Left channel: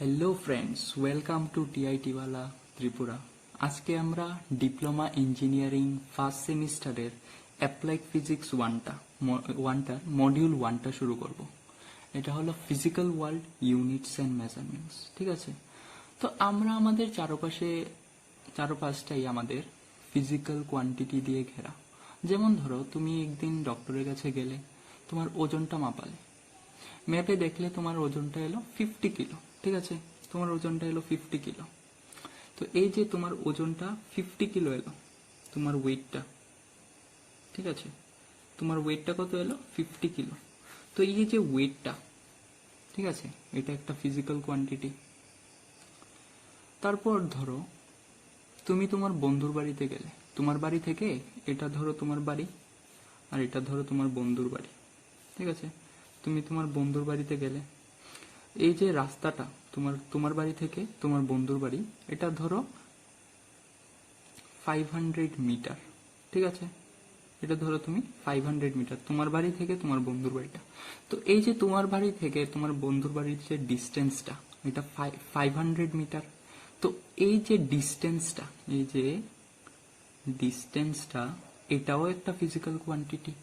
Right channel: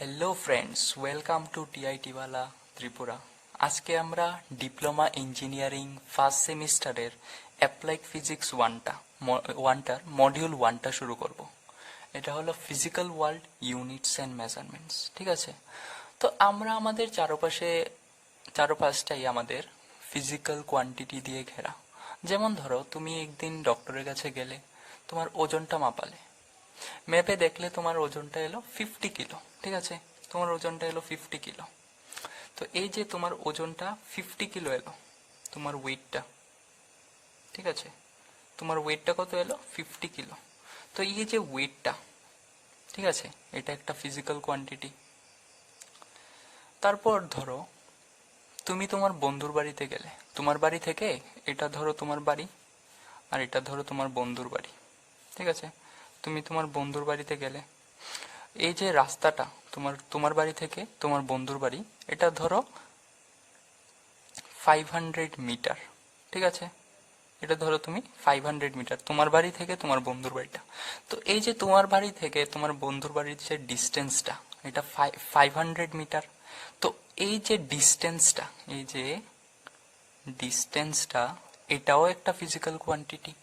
Hello friends, welcome to টিআইটিওয়ালা ত্রিপুরা। আজকে আমরা ডিপ্লোমা ইঞ্জিনিয়ারিং ফার্স্ট সেমিস্টারের অ্যাপ্লাইড ফিজিক্স ওয়ানটার মডিউল ওয়ানটা শুরু করব। এটা হলো physical world, units and measurements. ঠিক আছে, তো আমরা আমাদের চারপাশটাই আমাদের ফিজিক্যাল কোয়ান্টিটি দিয়ে ঘেরা। যেমন ধরো, তুমি একদিন ডক্টরের কাছে গেলে, তোমার ওজনটা মাপালে, ম্যাপে দেখলে তোমার ওজনটা এলো 50 কিলো। ঠিক আছে, তোমার ওজনটা এলো 50 কিলো। তো এই যে তোমার ওজনটা 50 কিলো এলো, তোমার ওয়েটটা, ঠিক আছে, তোমার ওয়েটটা কত এলো? 50 কিলো। তো এই যে ওয়েটটা, ঠিক আছে, এটা একটা ফিজিক্যাল কোয়ান্টিটি। তারপর ধরো, তুমি তোমার বন্ধুর বাড়িতে গেলে, তোমার বাড়ি থেকে এটা ধরো তোমার বাড়ি, আর এটা ধরো তোমার বন্ধুর বাড়ি। ঠিক আছে, তুমি তোমার বন্ধুর বাড়িতে গেলে, এই যে রাস্তাটা তোমার বাড়ি থেকে তোমার বন্ধুর বাড়ি, এটা ধরো 500 মিটার। ঠিক আছে, এটা ধরো তুমি 500 মিটার, তোমার বাড়ি থেকে তোমার বন্ধুর বাড়িটা। তো এই যে তোমার বাড়ি থেকে তোমার বন্ধুর বাড়ির যে ডিস্টেন্সটা, এটা 500 মিটার। তো এই যে ডিস্টেন্সটা এটাও একটা ফিজিক্যাল কোয়ান্টিটি।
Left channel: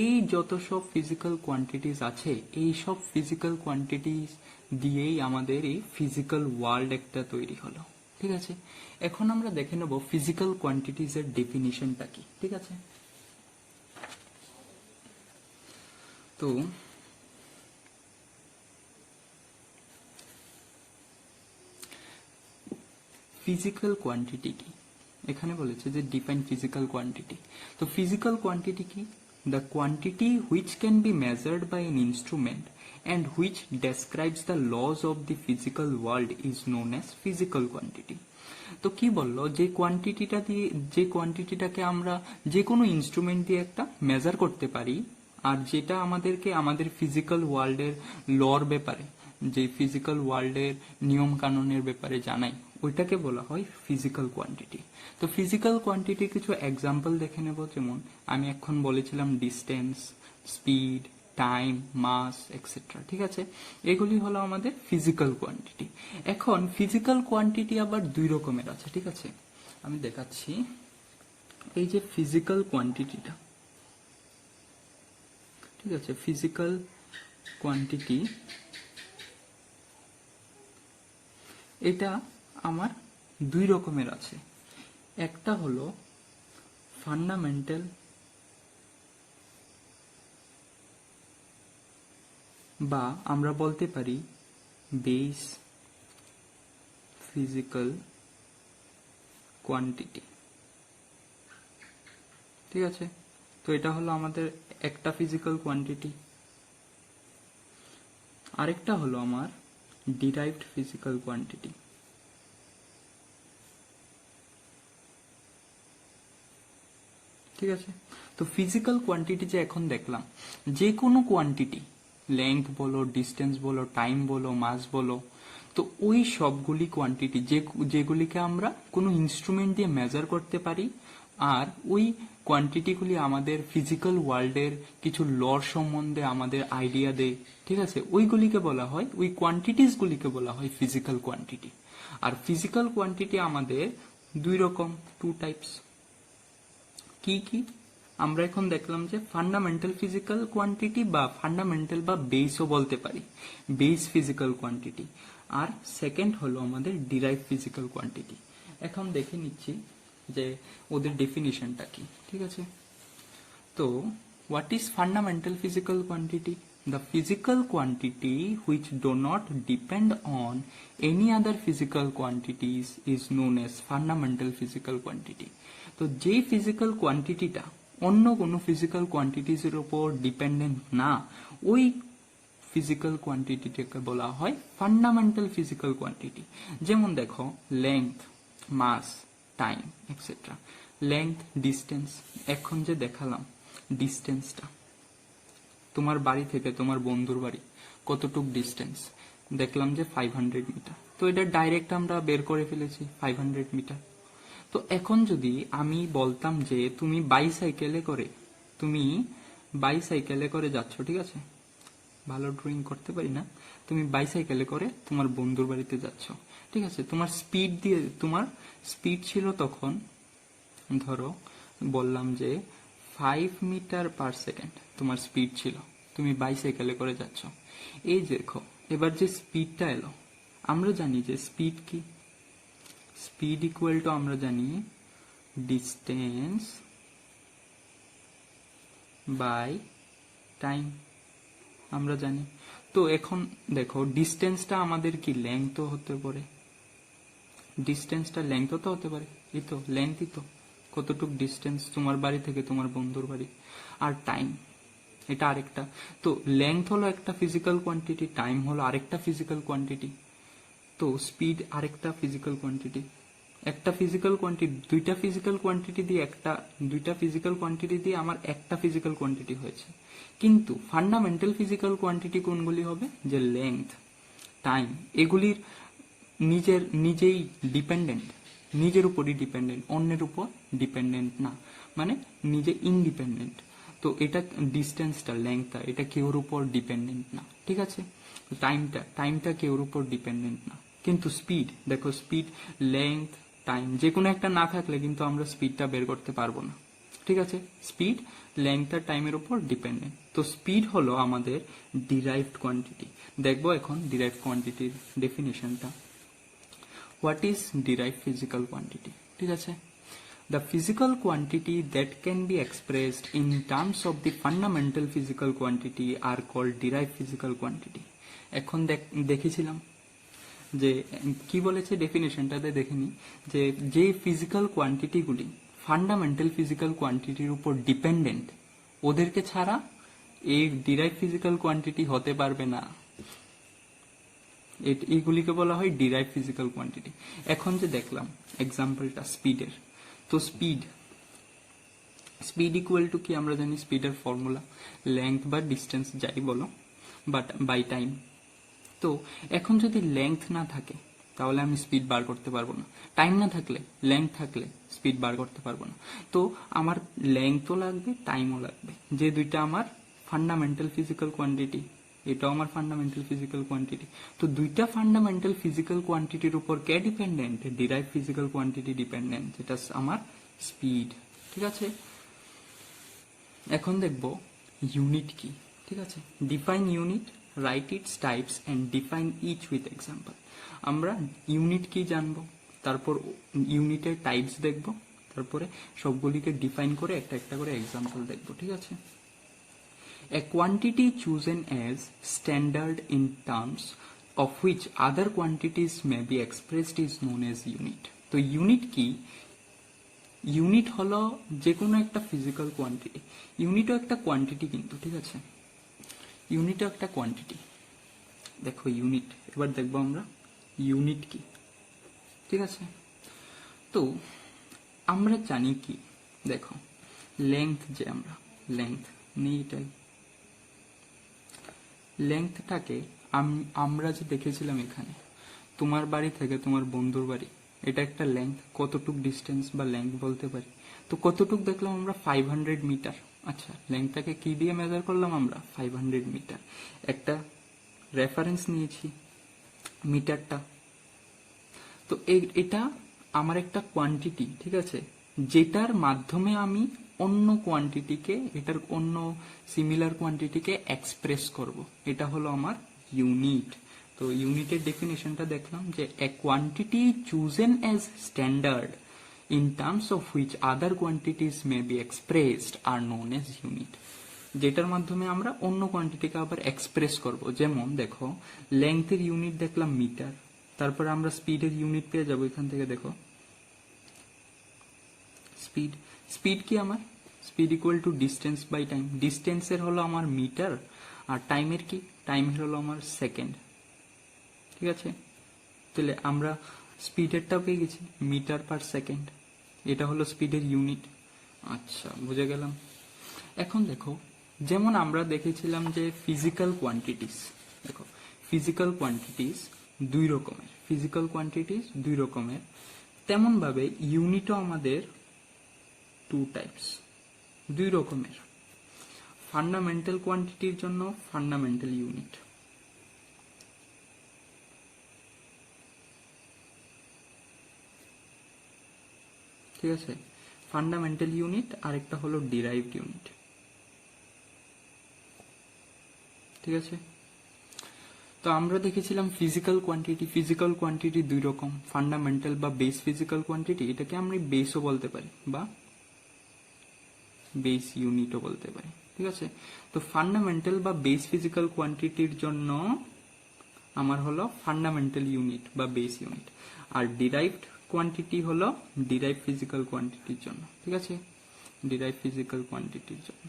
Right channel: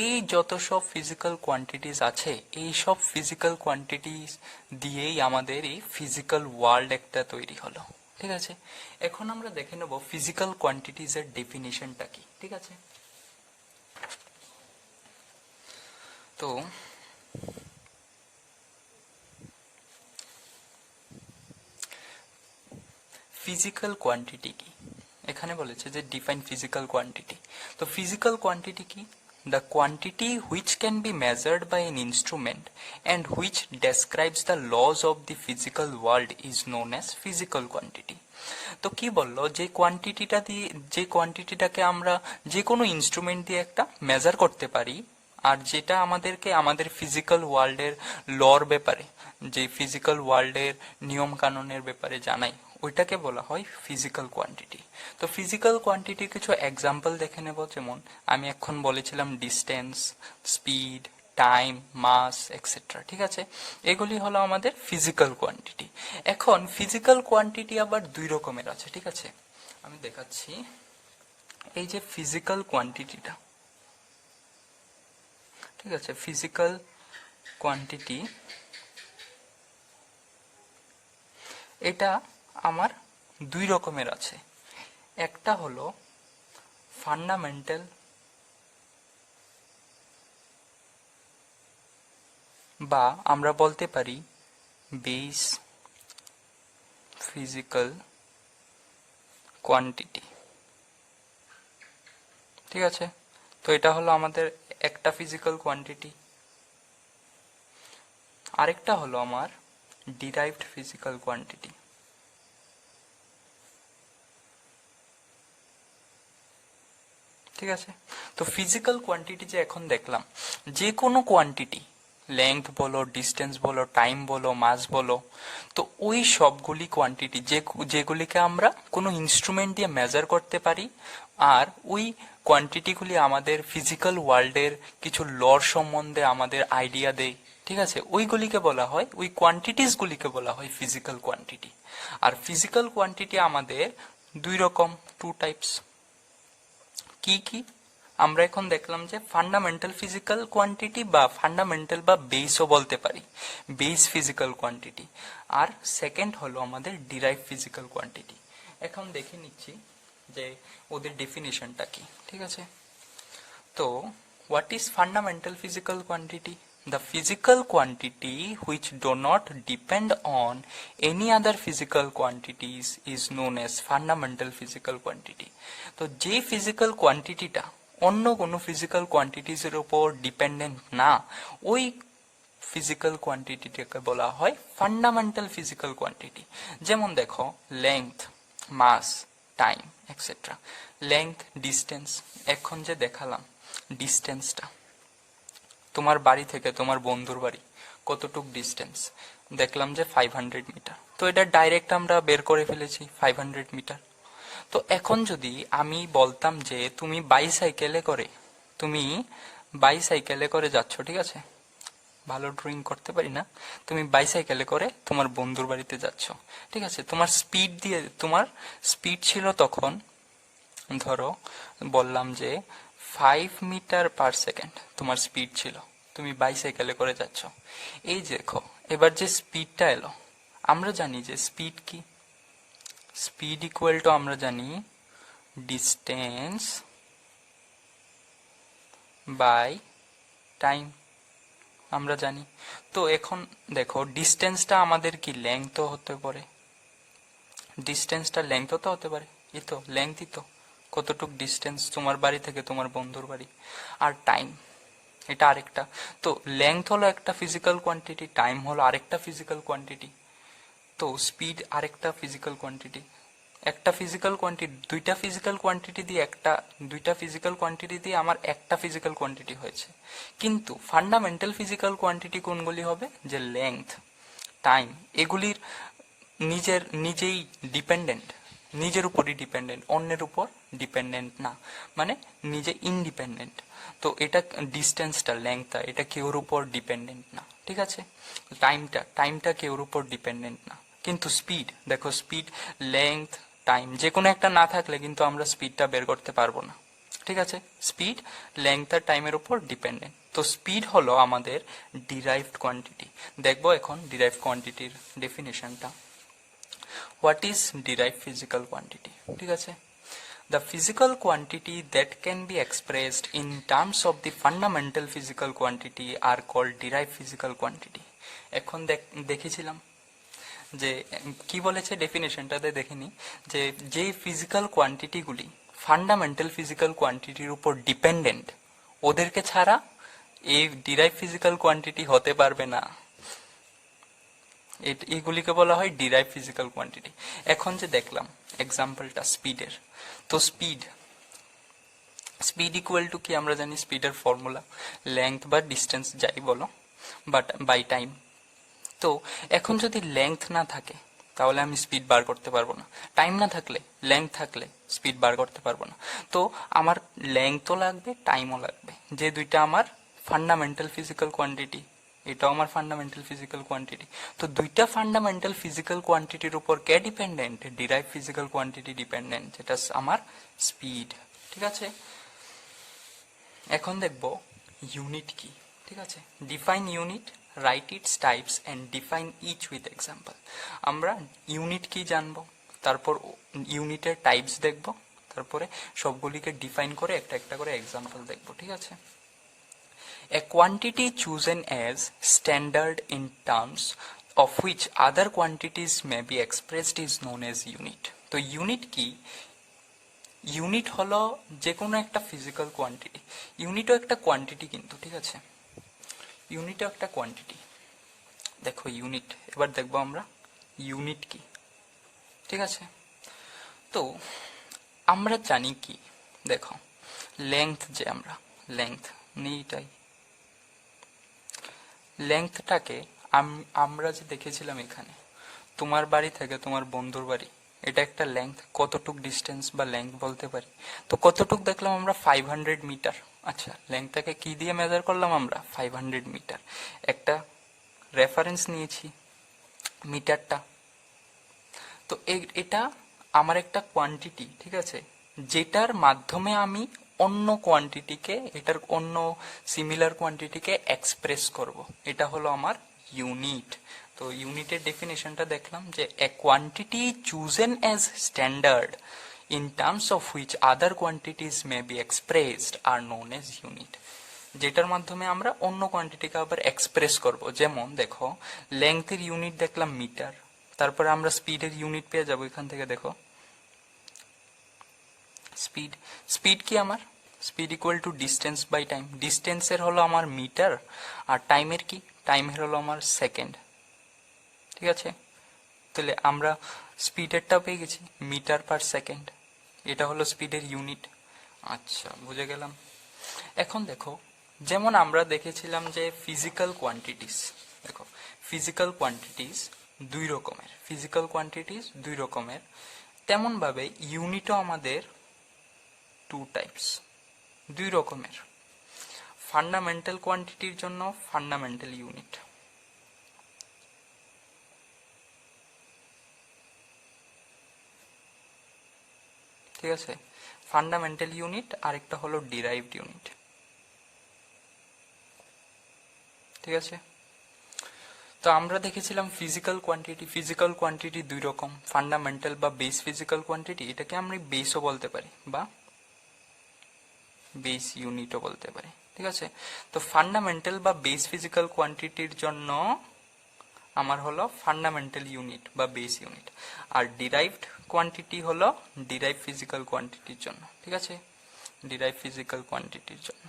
এই যত সব ফিজিক্যাল কোয়ান্টিটিস আছে, এই সব ফিজিক্যাল কোয়ান্টিটিস দিয়েই আমাদের এই ফিজিক্যাল ওয়ার্ল্ড একটা তৈরি হলো। ঠিক আছে, এখন আমরা দেখে নেব ফিজিক্যাল কোয়ান্টিটিস এর ডেফিনিশনটা কি। ঠিক আছে, তো ফিজিক্যাল কোয়ান্টিটি কি, এখানে বলেছে যে ডিফাইন ফিজিক্যাল কোয়ান্টিটি। তো ফিজিক্যাল কোয়ান্টিটি কি? The quantity which can be measured by an instrument and which describes the laws of the physical world is known as physical quantity. তো কি বললো, যে কোয়ান্টিটিটাকে আমরা যে কোনো ইনস্ট্রুমেন্ট দিয়ে একটা মেজার করতে পারি, আর যেটা আমাদেরকে আমাদের ফিজিক্যাল ওয়ার্ল্ডের লর ব্যাপারে, যে ফিজিক্যাল ওয়ার্ল্ডের নিয়ম কানুনের ব্যাপারে জানাই, ওইটাকে বলা হয় ফিজিক্যাল কোয়ান্টিটি। তো ফিজিক্যাল কোয়ান্টিটির কিছু এক্সাম্পল দেখে নেব। যেমন আমি এখন বলেছিলাম ডিস্টেন্স, স্পিড, টাইম, মাস এক্সেট্রা। ঠিক আছে, এগুলি হলো আমাদের ফিজিক্যাল কোয়ান্টিটি। এখন ফিজিক্যাল কোয়ান্টিটি আবার দুই রকমের আছে। ঠিক আছে, আমি দেখাচ্ছি। এই যে ফিজিক্যাল কোয়ান্টিটিটা, ঠিক আছে, ফিজিক্যাল কোয়ান্টিটি এটা আমার দুই রকমের আছে। একটা হলো ফান্ডামেন্টাল, বা আমরা বলতে পারি বেস ফিজিক্যাল কোয়ান্টিটি। ঠিক আছে, তো এটা হলো আমাদের একটা ফিজিক্যাল কোয়ান্টিটি। আরেকটা হলো আমার ডিরাইভড ফিজিক্যাল কোয়ান্টিটি। ঠিক আছে, তো ফিজিক্যাল কোয়ান্টিটি যে এখন দেখলাম, যে কোনো কোয়ান্টিটি, লেংথ বলো, ডিস্টেন্স বলো, টাইম বলো, মাস বলো, তো ওই সবগুলি কোয়ান্টিটি যেগুলিকে আমরা কোনো ইনস্ট্রুমেন্ট দিয়ে মেজার করতে পারি, আর ওই কোয়ান্টিটিগুলি আমাদের ফিজিক্যাল ওয়ার্ল্ডের কিছু লর সম্বন্ধে আমাদের আইডিয়া দেয়। ঠিক আছে, ওইগুলিকে বলা হয়, ওই কোয়ান্টিটিসগুলিকে বলা হয় ফিজিক্যাল কোয়ান্টিটি। আর ফিজিক্যাল কোয়ান্টিটি আমাদের দুই রকম, টু টাইপস। কি কি আমরা এখন দেখলাম যে ফান্ডামেন্টাল ফিজিক্যাল কোয়ান্টিটি, বা ফান্ডামেন্টাল বা বেসও বলতে পারি, বেস ফিজিক্যাল কোয়ান্টিটি। আর সেকেন্ড হলো আমাদের ডিরাইভ ফিজিক্যাল কোয়ান্টিটি। এখন দেখে নিচ্ছি যে ওদের ডেফিনিশনটা কি। ঠিক আছে, তো what is fundamental physical quantity? The physical quantity which do not depend on any other physical quantities is known as fundamental physical quantity. তো যে ফিজিক্যাল কোয়ান্টিটিটা অন্য কোনো ফিজিক্যাল কোয়ান্টিটিস এর উপর ডিপেন্ডেন্ট না, ওই ফিজিক্যাল কোয়ান্টিটিটাকে বলা হয় ফান্ডামেন্টাল ফিজিক্যাল কোয়ান্টিটি। যেমন দেখো, লেংথ, মাস, টাইম এক্সেট্রা। লেংথ, ডিস্টেন্স, এখন যে দেখালাম ডিস্টেন্সটা, তোমার বাড়ি থেকে তোমার বন্ধুর বাড়ি কতটুক ডিস্টেন্স, দেখলাম যে 500 মিটার। তো এটা ডাইরেক্ট আমরা বের করে ফেলেছি 500 মিটার। তো এখন যদি আমি বলতাম যে তুমি বাইসাইকেলে করে যাচ্ছ, ঠিক আছে, ভালো ড্রয়িং করতে পারি না। তুমি বাইসাইকেলে করে তোমার বন্ধুর বাড়িতে যাচ্ছ, ঠিক আছে, তোমার স্পিড ছিল তখন, ধরো বললাম যে 5 মিটার/সেকেন্ড তোমার স্পিড ছিল, তুমি বাইসাইকেলে করে যাচ্ছ। এই যে দেখো, এবার যে স্পিডটা এলো, আমরা জানি যে স্পিড কি, স্পিড ইকুয়াল টু আমরা জানি ডিস্টেন্স বাই টাইম, আমরা জানি। তো এখন দেখো ডিস্টেন্সটা আমাদের কি লেংথ হতে পারে, ডিস্টেন্সটা লেংথ তো হতে পারে, এই তো লেংথই তো, কতটুক ডিস্টেন্স তোমার বাড়ি থেকে তোমার বন্ধুর বাড়ি। আর টাইম, এটা আরেকটা। তো লেংথ হলো একটা ফিজিক্যাল কোয়ান্টিটি, টাইম হলো আরেকটা ফিজিক্যাল কোয়ান্টিটি, তো স্পিড আরেকটা ফিজিক্যাল কোয়ান্টিটি। একটা ফিজিক্যাল কোয়ান্টিটি, দুইটা ফিজিক্যাল কোয়ান্টিটি দিয়ে আমার একটা ফিজিক্যাল কোয়ান্টিটি হয়েছে। কিন্তু ফান্ডামেন্টাল ফিজিক্যাল কোয়ান্টিটি কোনগুলি হবে, যে লেংথ, টাইম, এগুলির নিজেই ডিপেন্ডেন্ট, নিজের উপরই ডিপেন্ডেন্ট, অন্যের উপর ডিপেন্ডেন্ট না, মানে নিজে ইন্ডিপেন্ডেন্ট। তো এটা ডিস্টেন্সটা, লেংথটা, এটা কেউর উপর ডিপেন্ডেন্ট না, ঠিক আছে। টাইমটা কেউর উপর ডিপেন্ডেন্ট না। কিন্তু স্পিড দেখো, স্পিড, লেংথ, টাইম যে কোনো একটা না থাকলে কিন্তু আমরা স্পিডটা বের করতে পারবো না, ঠিক আছে। স্পিড, লেংথ আর টাইমের উপর ডিপেন্ডেন্ট। তো স্পিড হলো আমাদের ডিরাইভড কোয়ান্টিটি। দেখবো এখন ডিরাইভড কোয়ান্টিটির ডেফিনেশনটা। What is derived physical quantity, ঠিক আছে। The physical quantity that can be expressed in terms of the fundamental physical quantity are called derived physical quantity. এখন দেখেছিলাম যে কি বলেছে ডেফিনেশনটাতে, দেখেনি যে যে ফিজিক্যাল কোয়ান্টিটিগুলি ফান্ডামেন্টাল ফিজিক্যাল কোয়ান্টিটির উপর ডিপেন্ডেন্ট, ওদেরকে ছাড়া এই ডিরাইভ ফিজিক্যাল কোয়ান্টিটি হতে পারবে না। এইগুলিকে বলা হয় ডিরাইভ ফিজিক্যাল কোয়ান্টিটি। এখন যে দেখলাম এক্সাম্পলটা স্পিডের, তো স্পিড ইকুয়াল টু কি আমরা জানি, স্পিডের ফর্মুলা লেংথ বা ডিস্টেন্স যাই বলো, বাট বাই টাইম। তো এখন যদি লেংথ না থাকে তাহলে আমি স্পিড বার করতে পারবো না, টাইম না থাকলে, লেংথ থাকলে স্পিড বার করতে পারবো না। তো আমার লেংথও লাগবে, টাইমও লাগবে, যে দুইটা আমার ফান্ডামেন্টাল ফিজিক্যাল কোয়ান্টিটি, এটাও আমার ফান্ডামেন্টাল ফিজিক্যাল কোয়ান্টিটি। তো দুইটা ফান্ডামেন্টাল ফিজিক্যাল কোয়ান্টিটির উপর কে dependent, derive physical quantity dependent, যেটা আমার স্পিড, ঠিক আছে। এখন দেখব ইউনিট কি, ঠিক আছে। Define unit, right its types and define each with example. আমরা ইউনিট কি জানবো, তারপর ইউনিটের টাইপস দেখব, তারপরে সবগুলিকে ডিফাইন করে একটা একটা করে এক্সাম্পল দেখব, ঠিক আছে। A quantity chosen as standard in terms of which other quantities may be expressed is known as unit. তো ইউনিট কি, ইউনিট হলো যে কোনো একটা ফিজিক্যাল কোয়ান্টিটি, ইউনিটও একটা কোয়ান্টিটি কিন্তু, ঠিক আছে, ইউনিটও একটা কোয়ান্টিটি। দেখো ইউনিট, এবার দেখবো আমরা ইউনিট কি, ঠিক আছে। তো আমরা জানি কি, দেখো লেংথ, যে আমরা লেংথ নেই, এটাই লেংথটাকে আমরা যে দেখেছিলাম এখানে, তোমার বাড়ি থেকে তোমার বন্ধুর বাড়ি, এটা একটা লেংথ, কতটুক ডিস্টেন্স বা লেংথ বলতে পারি। তো কতটুক দেখলাম আমরা, 500 মিটার। আচ্ছা, লেংথটাকে কি দিয়ে মেজার করলাম আমরা, 500 মিটার। একটা রেফারেন্স নিয়েছি মিটারটা। তো এটা আমার একটা কোয়ান্টিটি, ঠিক আছে, যেটার মাধ্যমে আমি অন্য কোয়ান্টিটিকে, এটার অন্য সিমিলার কোয়ান্টিটিকে এক্সপ্রেস করব, এটা হলো আমার ইউনিট। তো ইউনিটের ডেফিনেশনটা দেখলাম যে a quantity chosen as standard in terms of which other quantities may be expressed are known as unit, যেটার মাধ্যমে আমরা অন্য কোয়ান্টিটিকে আবার এক্সপ্রেস করব। যেমন দেখো লেংথের ইউনিট দেখলাম মিটার, তারপরে আমরা স্পিডের ইউনিট পেয়ে যাবো এখান থেকে। দেখো স্পিড, স্পিড কি আমার, speed equal to distance by time, ডিস্টেন্সের হলো আমার মিটার, আর টাইমের কি, টাইমের হলো আমার সেকেন্ড, ঠিক আছে। তাহলে আমরা স্পিডেরটা পেয়ে গেছি, মিটার/সেকেন্ড, এটা হলো স্পিডের ইউনিট। আচ্ছা, বুঝে গেলাম। এখন দেখো, যেমন আমরা দেখেছিলাম যে ফিজিক্যাল কোয়ান্টিটিস, দেখো ফিজিক্যাল কোয়ান্টিটিস দুই রকমের, তেমন ভাবে ইউনিটও আমাদের 2 টাইপস, দুই রকমের। ফান্ডামেন্টাল কোয়ান্টিটির জন্য ফান্ডামেন্টাল ইউনিট, ঠিক আছে, ফান্ডামেন্টাল ইউনিট, আরেকটা হলো ডিরাইভড ইউনিট, ঠিক আছে। তো আমরা দেখেছিলাম ফিজিক্যাল কোয়ান্টিটি দুই রকম, ফান্ডামেন্টাল বা বেস ফিজিক্যাল কোয়ান্টিটি, এটাকে আমরা বেসও বলতে পারি বা বেস ইউনিটও বলতে পারি, ঠিক আছে। তো ফান্ডামেন্টাল বা বেস ফিজিক্যাল কোয়ান্টিটির জন্য আমার হলো ফান্ডামেন্টাল ইউনিট বা বেস ইউনিট, আর ডিরাইভড কোয়ান্টিটি হলো ডিরাইভ ফিজিক্যাল কোয়ান্টিটির জন্য, ঠিক আছে, ডিরাইভ ফিজিক্যাল কোয়ান্টিটির জন্য।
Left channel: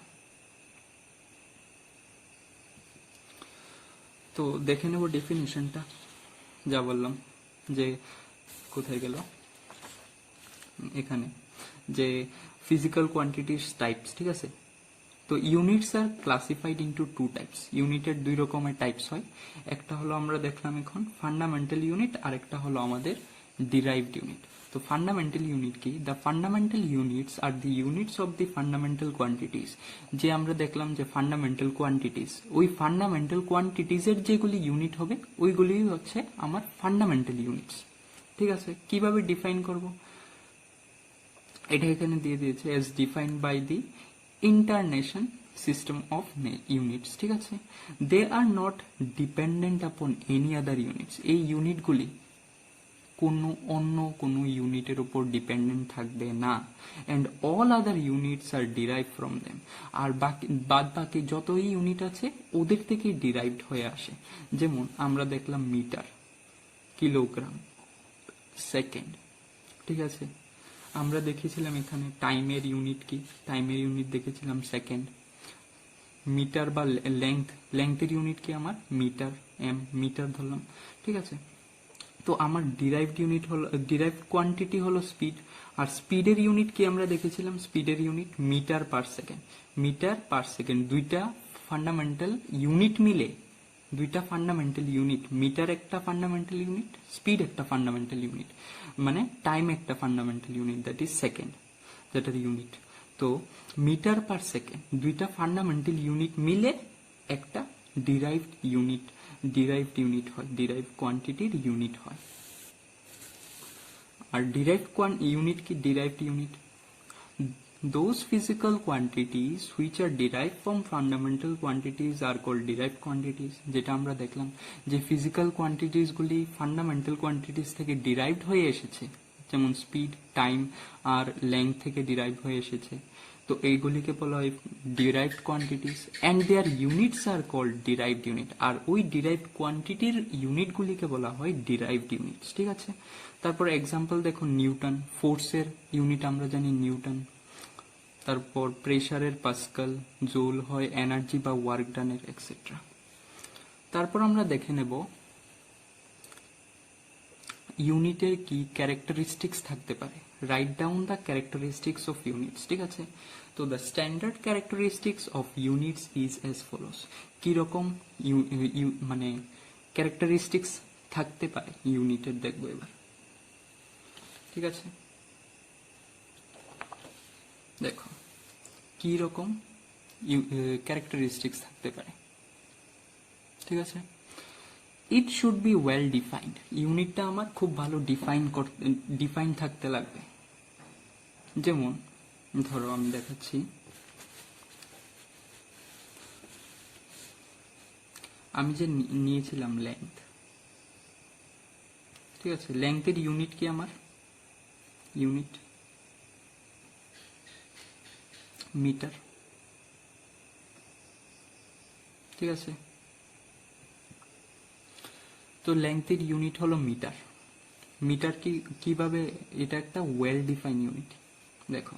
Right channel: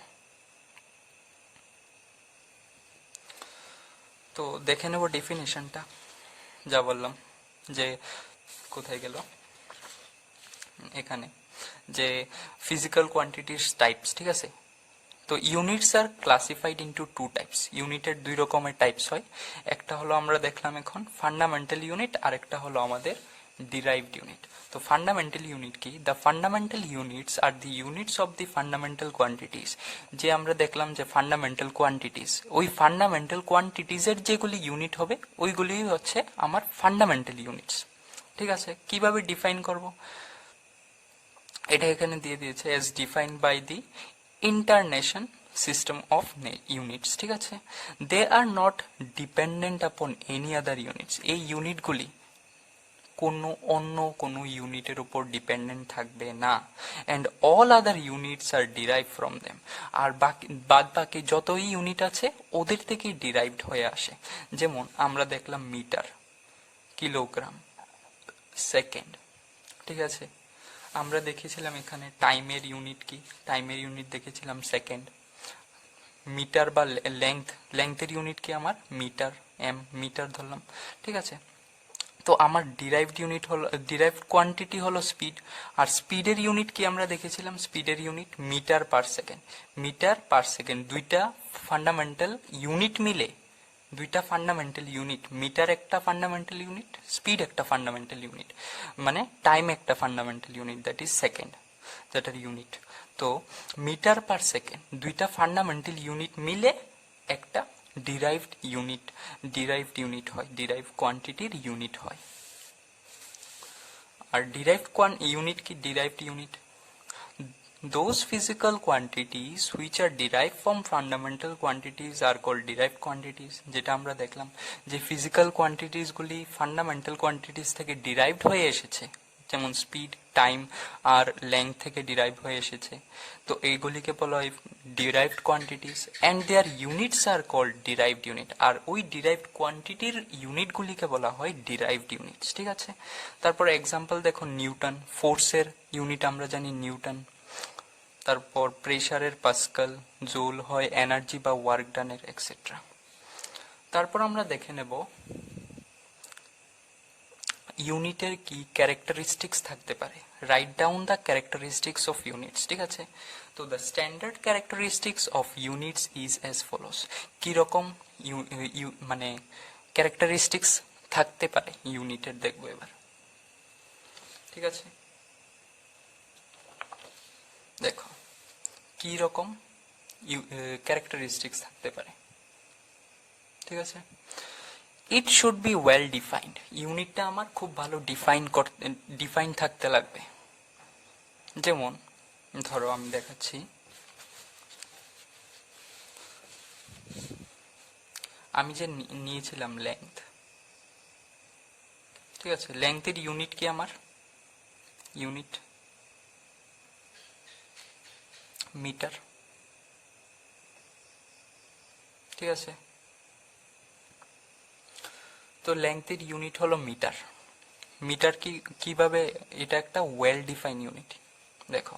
তো দেখে নেব ডেফিনেশনটা, যা বললাম যে কোথায় গেল, এখানে, যে ফিজিক্যাল কোয়ান্টিটির টাইপস, ঠিক আছে। তো units are classified into two types, ইউনিটের দুই রকমের টাইপস হয়, একটা হলো আমরা দেখলাম এখন ফান্ডামেন্টাল ইউনিট, আর একটা হলো আমাদের ডিরাইভড ইউনিট। তো ফান্ডামেন্টাল ইউনিট কি? The fundamental units are the units of the fundamental quantities, যে আমরা দেখলাম যে ফান্ডামেন্টাল কোয়ান্টিটিস, ওই ফান্ডামেন্টাল কোয়ান্টিটিসের যেগুলি ইউনিট হবে ওইগুলি হচ্ছে আমার ফান্ডামেন্টাল ইউনিটস, ঠিক আছে। কিভাবে ডিফাইন করব, এটা এখানে দিয়ে দিয়েছে, as defined by the international system of units, ঠিক আছে। They are not dependent upon any other units, এই ইউনিটগুলি অন্য কোনো ইউনিটের উপর ডিপেন্ডেন্ট থাকবে না, and all other units are derive from them, আর বাদ বাকি যতই ইউনিট আছে ওদের থেকেই ডিরাইভড হয়ে আসে। যেমন আমরা দেখলাম মিটার, কিলোগ্রাম, সেকেন্ড, ঠিক আছে। আমরা দেখেছিলাম এখানে টাইমের ইউনিট কি, টাইমের ইউনিট দেখেছিলাম সেকেন্ড। মিটার বা লেংথের ইউনিট কি আমার মিটার, মিটার ধরলাম, ঠিক আছে। তো আমার ডিরাইভড ইউনিট হলো, ডিরাইভড কোয়ান্টিটি হলো স্পিড, আর স্পিডের ইউনিট কি আমরা দেখেছিলাম, স্পিডের unit metre per second, metre per second. দুইটা ফান্ডামেন্টাল ইউনিট মিলে, দুইটা ফান্ডামেন্টাল ইউনিট, মিটার একটা ফান্ডামেন্টাল ইউনিট, স্পিড একটা ফান্ডামেন্টাল ইউনিট, মানে টাইম একটা fundamental unit, that is second, যেটার ইউনিট। তো মিটার পার সেকেন্ড, দুইটা ফান্ডামেন্টাল ইউনিট মিলে একটা ডিরাইভড ইউনিট হয়, ডিরাইভ কোয়ান্টিটির ইউনিট হয়। আর ডিরাইভড ইউনিট কি, derived unit those physical quantities which are derived from fundamental quantities are called derived quantities, যেটা আমরা দেখলাম যে ফিজিক্যাল কোয়ান্টিটিস গুলি ফান্ডামেন্টাল কোয়ান্টিটিস থেকে ডিরাইভড হয়ে এসেছে, যেমন স্পিড, টাইম আর লেংথ থেকে ডিরাইভ হয়ে এসেছে, তো এইগুলিকে বলা হয় derived quantities, and their units are called derived unit, আর ওই ডিরাইভড কোয়ান্টিটির ইউনিটগুলিকে বলা হয় ডিরাইভড ইউনিটস, ঠিক আছে। তারপর এক্সাম্পল দেখো, নিউটন, ফোর্সের ইউনিট আমরা জানি নিউটন, তারপর প্রেসারের পাস্কাল, জুল হয় এনার্জি বা ওয়ার্ক ডানের, এক্সেট্রা। তারপর আমরা দেখে নেব ইউনিটের কি ক্যারেক্টারিস্টিক্স থাকতে পারে, write down the characteristics of units, ঠিক আছে। তো the standard characteristics of units is as follows, কিরকম মানে ক্যারেক্টারিস্টিক্স থাকতে পারে ইউনিটের, দেখবো এবার, ঠিক আছে। দেখো কি রকম ক্যারেক্টারিস্টিক্স থাকতে পারে, ঠিক আছে। It should be well defined, ইউনিটটা আমার খুব ভালো ডিফাইন থাকতে লাগবে। যেমন ধরো আমি দেখাচ্ছি, আমি যে নিয়েছিলাম লেংথ, ঠিক আছে, লেংথের ইউনিট কি আমার, ইউনিট মিটার, ঠিক আছে। তো লেংথের ইউনিট হলো মিটার, মিটার কিভাবে, এটা একটা ওয়েল ডিফাইন ইউনিট। দেখো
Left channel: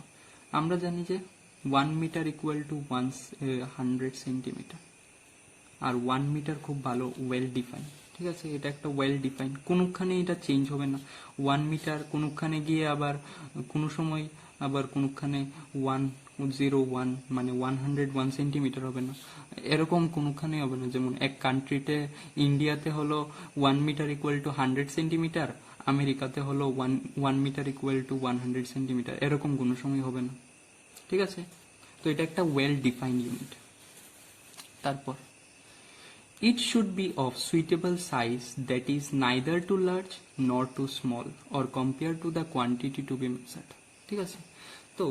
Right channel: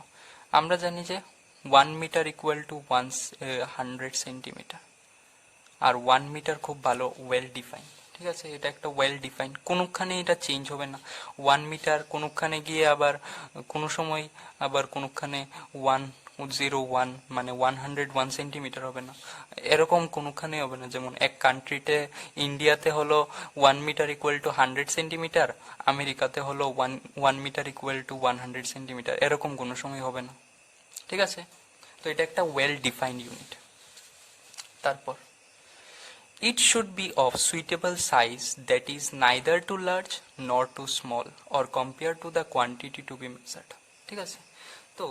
আমরা জানি যে 1 মিটার ইকুয়াল টু 100 সেন্টিমিটার, আর 1 মিটার খুব ভালো ওয়েল ডিফাইন, ঠিক আছে। এটা একটা ওয়েল ডিফাইন, কোনোখানে এটা চেঞ্জ হবে না। 1 মিটার কোনোখানে গিয়ে আবার কোনো সময় আবার কোনোখানে 101 মানে 101 সেন্টিমিটার হবে না, এরকম কোনোখানে হবে না। যেমন এক কান্ট্রিতে, ইন্ডিয়াতে হলো 1 মিটার ইকুয়াল টু 100 সেন্টিমিটার, আমেরিকাতে হলো 1 মিটার ইকুয়াল টু 100 সেন্টিমিটার, এরকম কোনো সময় হবে না, ঠিক আছে। তো এটা একটা ওয়েল ডিফাইন্ড ইউনিট। তারপর it should be of suitable size that is neither too large nor too small or compared to the quantity to be measured. ঠিক আছে, তো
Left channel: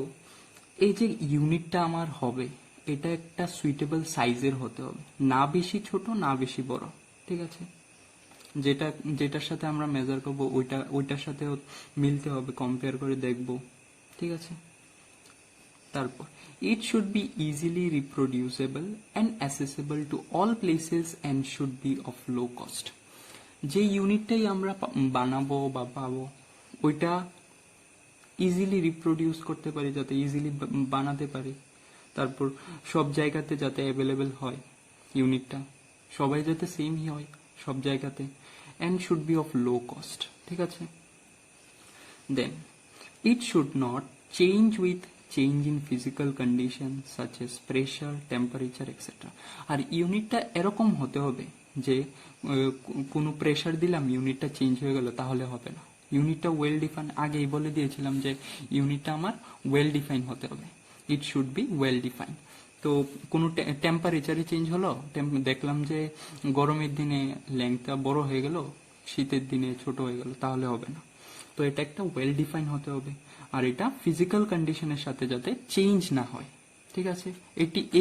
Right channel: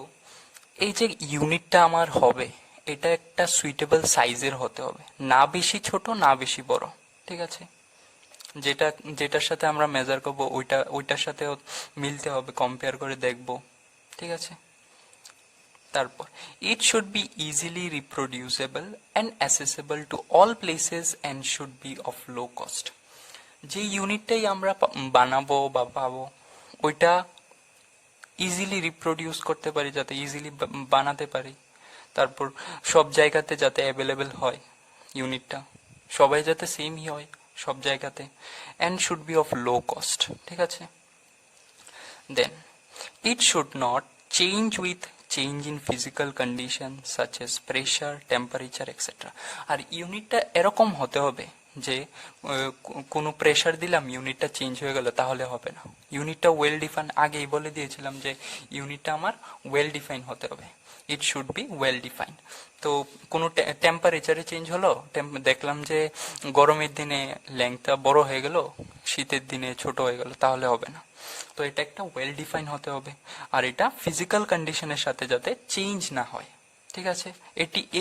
এই যে ইউনিটটা আমার হবে এটা একটা সুইটেবল সাইজের হতে হবে, না বেশি ছোট না বেশি বড়। ঠিক আছে, যেটা যেটার সাথে আমরা মেজার করবো ওইটার সাথে মিলতে হবে, কম্পেয়ার করে দেখব। ঠিক আছে, তারপর it should be easily reproducible and accessible to all places and should be of low cost. যে ইউনিটটাই আমরা বানাবো বা পাবো ওইটা ইজিলি রিপ্রোডিউস করতে পারি, যাতে ইজিলি বানাতে পারি, তারপর সব জায়গাতে যাতে অ্যাভেলেবেল হয় ইউনিটটা, সবাই যাতে সেমই হয় সব জায়গাতে, and should be of low cost. ঠিক আছে, then it should not change with change in physical condition such as pressure, temperature etcetera. আর ইউনিটটা এরকম হতে হবে যে কোনো প্রেশার দিলাম ইউনিটটা চেঞ্জ হয়ে গেল, তাহলে হবে না। ইউনিটটা ওয়েল ডিফাইন, আগেই বলে দিয়েছিলাম যে ইউনিটটা আমার ওয়েল ডিফাইন হতে হবে, ইট শুড বি ওয়েল ডিফাইন। তো কোনো টেম্পারেচারে চেঞ্জ হলো, দেখলাম যে গরমের দিনে লেংথটা বড় হয়ে গেল, শীতের দিনে ছোট হয়ে গেল, তাহলে হবে না। তো এটা একটা ওয়েল ডিফাইন হতে হবে, আর এটা ফিজিক্যাল কন্ডিশনের সাথে যাতে চেঞ্জ না হয়। ঠিক আছে,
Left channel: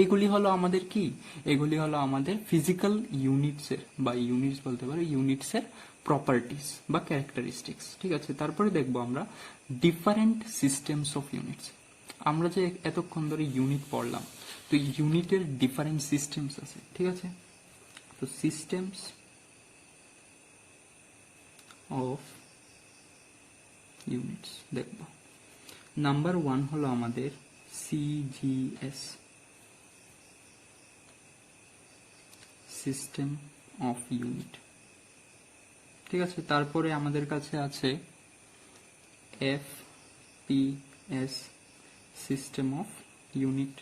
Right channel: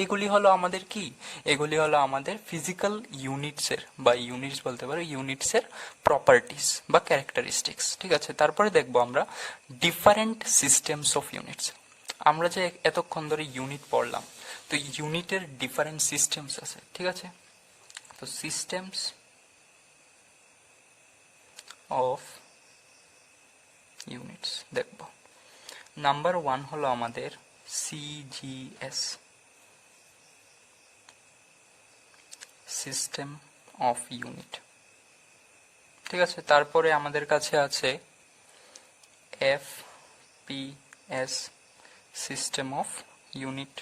এগুলি হলো আমাদের কি, এগুলি হলো আমাদের ফিজিক্যাল ইউনিটসের বা ইউনিটস বলতে পারো ইউনিটসের প্রপার্টিস বা ক্যারেক্টারিস্টিক্স। ঠিক আছে, তারপরে দেখবো আমরা ডিফারেন্ট সিস্টেমস অফ ইউনিটস। আমরা যে এতক্ষণ ধরে ইউনিট পড়লাম, তো ইউনিটের ডিফারেন্ট সিস্টেমস আছে। ঠিক আছে, তো সিস্টেমস অফ ইউনিটস দেখব। নাম্বার 1 হলো আমাদের সিজিএস, সিস্টেম অফ ইউনিট। ঠিক আছে, তারপরে আমাদের কাছে আছে এফপিএস, সিস্টেম অফ ইউনিট।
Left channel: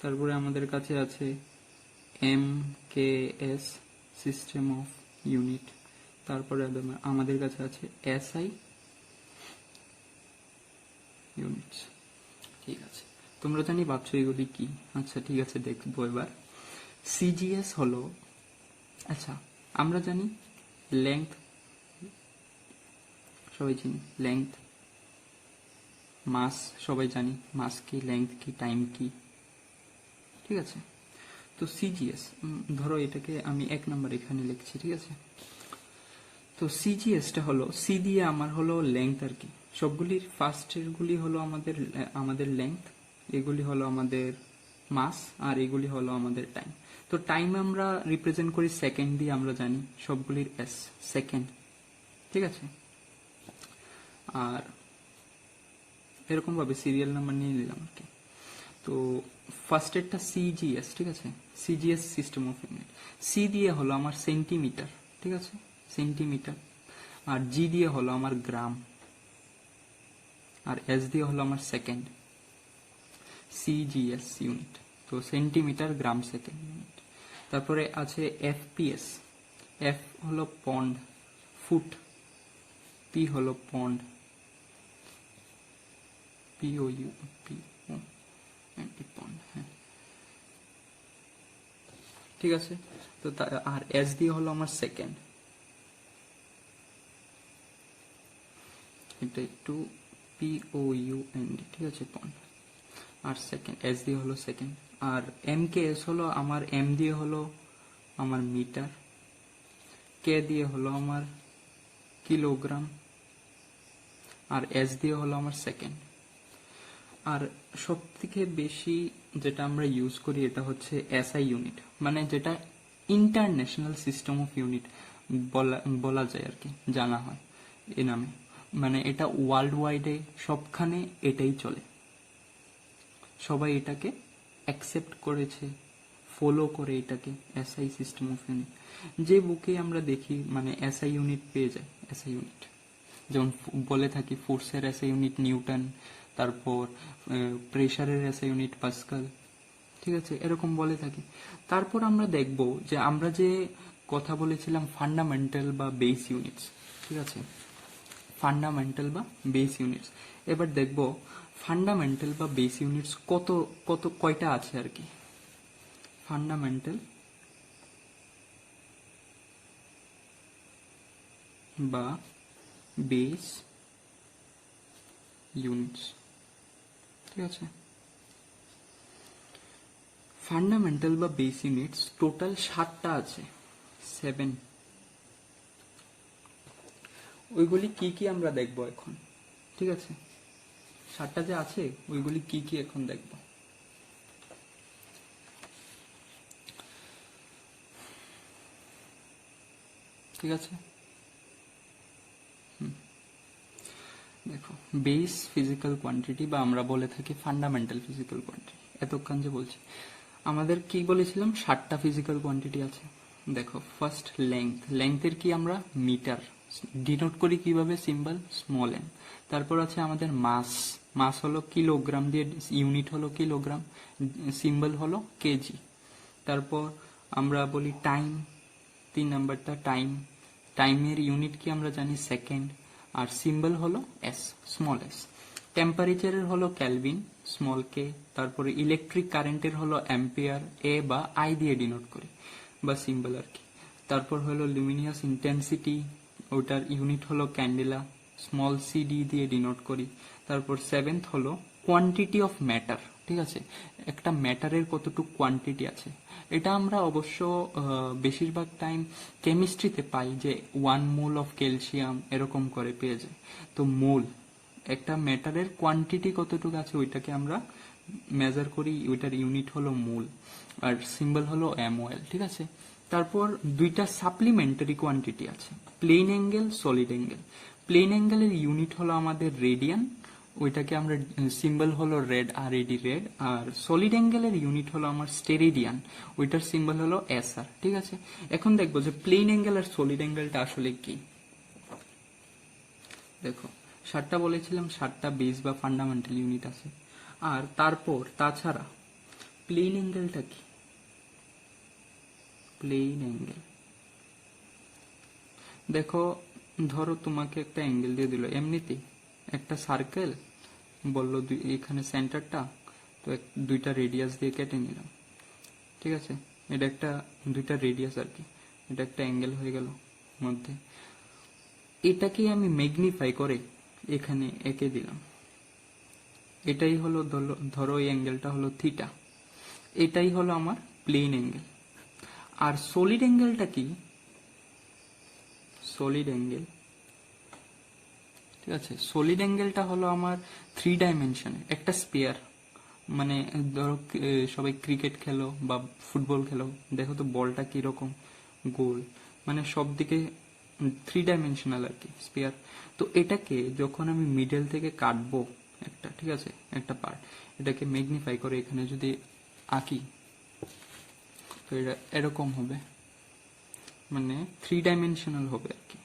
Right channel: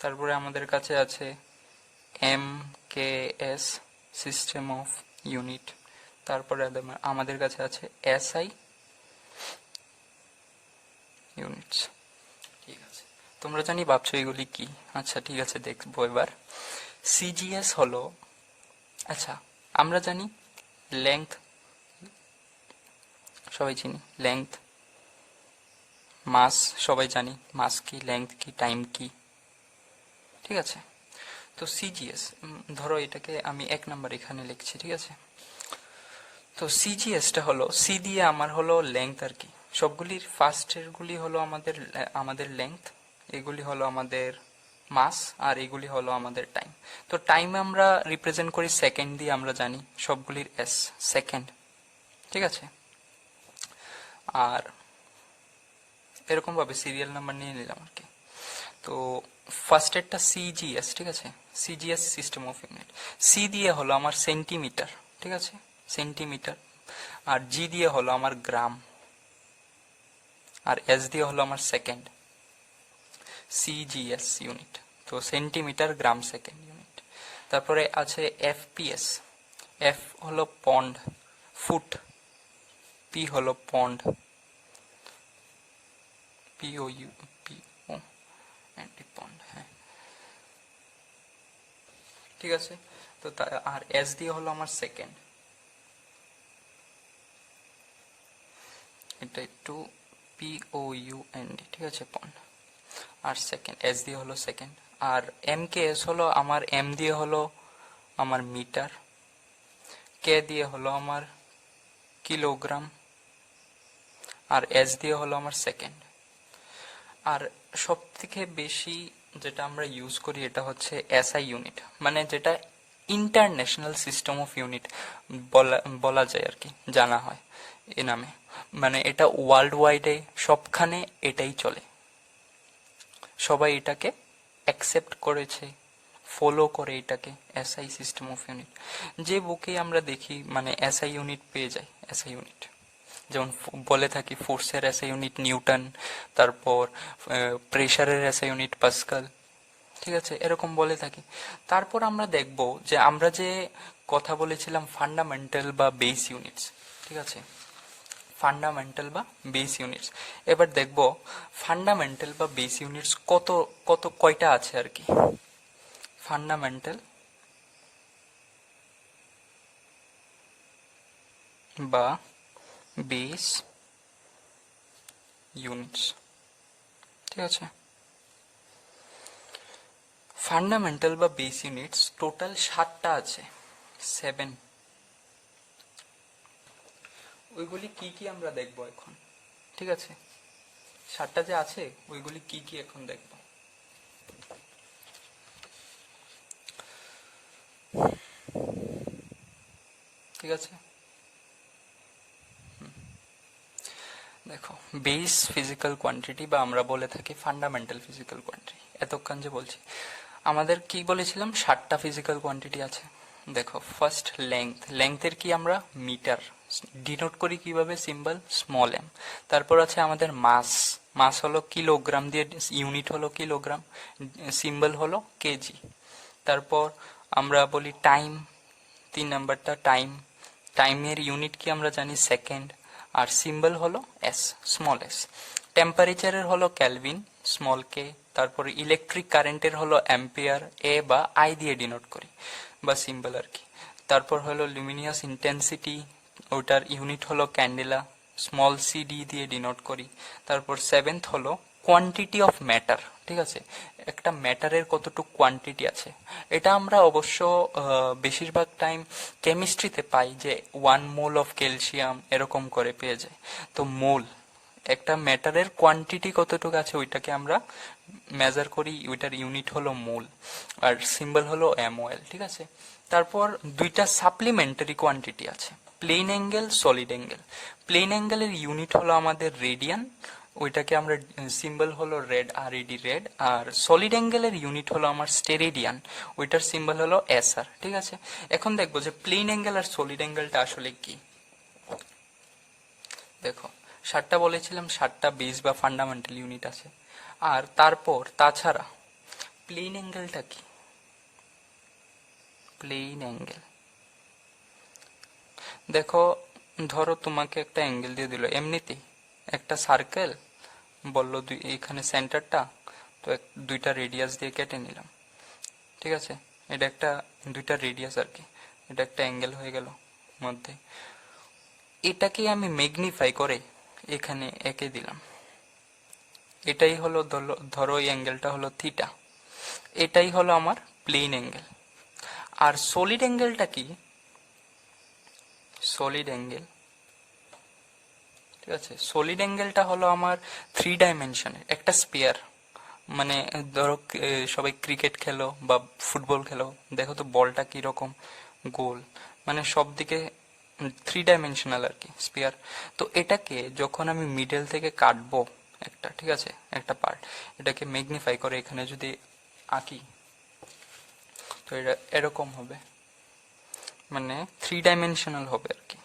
তারপরে আমাদের কাছে আছে এমকেএস, সিস্টেম অফ ইউনিট। তারপরে আমাদের কাছে আছে এসআই ইউনিটস। ঠিক আছে, তোমরা জানি ভাবছো এগুলি কি। আচ্ছা ঠিক আছে, দেখবো এবার। সিজিএস হলো, আচ্ছা আমরা জানি লেংথ, সবাই চিনি লেংথ, মাস সবাই জানি, মাস কি, লেংথ কি, টাইম কি। ঠিক আছে, তো সিজিএস ধরো এটাকে আমি 1 নাম্বার এখানে লিখছি। ঠিক আছে, তো সিজিএসটা হলো, সি দিয়ে আমার হলো লেংথ আর কি, সবগুলির ফার্স্টের গুলি হলো আমাদের লেংথ, এগুলি হলো আমাদের মাস, আর এগুলি হলো আমাদের টাইম। তো টাইম আমরা রিপ্রেজেন্ট করি সেকেন্ড দিয়ে, আমরা জানি সবগুলির এস, সেকেন্ড। ঠিক আছে, আর এরকম ভাবে সিরিয়াল নাম্বার নিয়ে নিলাম আর কি। তো ফার্স্টেরটা সিজিএস। ঠিক আছে, CGS system of unit. C দিয়ে হলো আমার সেন্টিমিটার। ঠিক আছে, সেন্টিমিটার। আর জি দিয়ে হলো আমার গ্রাম, আর এস দিয়ে হলো আমার সেকেন্ড। সিজিএস ইউনিট, তো সেন্টিমিটার, গ্রাম, সেকেন্ড ইউনিট। তারপরে আছে এফপিএস, এফ হলো পন্ড, ফুট, পি হলো পন্ড, পিও ইউ পি ও পন্ড। হ্যাঁ ঠিক আছে, তো আর এস দিয়ে হলো আমার সেকেন্ড, এটা একটু POUND। ঠিক আছে, পন্ড। আর সেকেন্ড এস দিয়ে হলো সেকেন্ড। আর এম কে এস হলো আমার, এম দিয়ে হলো আমার মিটার, কে দিয়ে হলো আমার কিলোগ্রাম, আর এস দিয়ে হলো আমার সেকেন্ড। আর সব থেকে বেশি যেটা আমরা ইউজ করি এটা হচ্ছে এসআই ইউনিট, মানে যেটা ইন্টারন্যাশনাল সিস্টেম অফ ইউনিট বলা যায় আর কি, জানা হয় এ নামে। মানে এটা ওয়ার্ল্ড ওয়াইডে সবখানে এটাই চলে, সবাই এটাকে অ্যাকসেপ্ট করেছে, ফলো করে এটাকে, এসআই সিস্টেম অফ ইউনিট। যে বুকে আমরা দেখি মানে এসআই ইউনিট পেয়ে যাই, এসআই ইউনিট যেমন বলে থাকি ফোর্সের এসআই ইউনিট নিউটন, তারপর প্রেশারের এসআই ইউনিট পাস্কাল। ঠিক আছে, এরকম বলে থাকি। তারপর আমরা দেখব যে আমরা যে কথা বলেছিলাম ফান্ডামেন্টাল বা বেস ইউনিটস। ঠিক আছে, ফান্ডামেন্টাল বা বেস ইউনিটস। এবার দেখব ফান্ডামেন্টাল বা বেস ইউনিটস কয়টা আছে আর কি। ফান্ডামেন্টাল বা বেস ইউনিটস। ঠিক আছে, ফান্ডামেন্টাল বা বেস ইউনিটস টোটাল 7টা আছে, 7। ওইগুলি কি কি আমরা দেখব এখন। ঠিক আছে, 7টা যে আছে ওইগুলি কি কি এখন দেখব। ঠিক আছে, দেখো বেস ফিজিক্যাল কোয়ান্টিটি বা আমরা বলে থাকি ফান্ডামেন্টাল ফিজিক্যাল কোয়ান্টিটি। এতক্ষণ যে বলছি আমাদের কি বলেছিলাম 7টা ফিজিক্যাল কোয়ান্টিটি আছে। দেখো ফার্স্ট লেংথের কি আমরা মিটার ডিনোট করি কিভাবে, সিম্বল স্মল এম। তারপর আছে আমাদের মাস হলো কিলোগ্রাম দিয়ে, ইউনিট হলো কিলোগ্রাম, সিম্বল হলো কেজি। তারপর আমরা বলি টাইম, 3 নাম্বারটা টাইমের ইউনিট কি আমরা জানি সেকেন্ড, আর সিম্বল হলো এস, স্মল এস। টেম্পারেচারের হলো ক্যালভিন, স্মল কে। তারপরে ইলেকট্রিক কারেন্টের হলো অ্যাম্পিয়ার, এ বা আই দিয়ে ডিনোট করি বা সিম্বল আর কি। তারপর হলো লুমিনিয়াস ইন্টেন্সিটি, ওটার ইউনিট হলো ক্যান্ডেলা, স্মল সি ডি দিয়ে ডিনোট করি। তারপর 7th হলো কোয়ান্টিটি অফ ম্যাটার। ঠিক আছে, একটা ম্যাটারের কতটুকু কোয়ান্টিটি আছে, এটা আমরা অবশ্য বেশিরভাগ টাইম কেমিস্ট্রিতে পাই যে 1 মোল অফ ক্যালসিয়াম এরকম করে পেয়ে যায়। তো মোল, একটা ম্যাটারের কোয়ান্টিটি কতটুকু আছে ওইটাকে আমরা মেজার করি, ওইটার ইউনিট হলো মোল, আর সিম্বল হলো এমওএল। ঠিক আছে, তারপর 2টা সাপ্লিমেন্টারি কোয়ান্টিটি আছে, plane angle, solid angle. Plane অ্যাঙ্গেলের ইউনিট হলো আমাদের রেডিয়ান, ওইটাকে আমরা সিম্বল হলো রেড, আর এডি রেড। আর সলিড অ্যাঙ্গেলের ইউনিট হলো আমার স্টেরেডিয়ান, ওইটার সিম্বল হলো এসআর। ঠিক আছে, এখন দেখবো যে প্লেন অ্যাঙ্গেল আর সলিড অ্যাঙ্গেলটা আসলে কি। দেখো 7টা বলেছিলাম, 7টা বেস বা ফান্ডামেন্টাল ইউনিট আছে। আর তারপর তাছাড়া প্লেন অ্যাঙ্গেলটা কি, প্লেন অ্যাঙ্গেল দেখো, ধরো তোমাকে একটা অ্যাঙ্গেল দিয়ে দিল এমনিতেই, একটা সার্কেল বললো এখানে সেন্টারটা, তো 2টা রেডিয়াস দিয়ে কেটে নিলাম। ঠিক আছে, এটা একটা 2টা রেডিয়াস আর কি, এটা একটা অ্যাঙ্গেল হয়ে গেল মধ্যে। এটাকে আমি ম্যাগনিফাই করে এখানে এঁকে দিলাম, এটাই হলো ধরো এই অ্যাঙ্গেলটা হলো থিটা, এটাই হলো আমার প্লেন অ্যাঙ্গেল। আর সলিড অ্যাঙ্গেলটা কি, সলিড অ্যাঙ্গেল, ঠিক আছে, সলিড অ্যাঙ্গেলটা হলো আমার 3 ডাইমেনশনের একটা স্পেয়ার। মানে ধরো সবাই ক্রিকেট খেলো বা ফুটবল খেলো, দেখো তো বলটা কিরকম গোল, মানে সব দিকে 3 ডাইমেনশনাল আর কি স্পেয়ার। তো এটাকে যখন আমি মিডল থেকে কাটবো একটা, ঠিক আছে, একটা পার্ট, এটাকে ম্যাগনিফাই করে এখানে যদি আঁকি, তো এটা এরকম হবে, মানে 3 ডাইমেনশনাল হবে আর কি।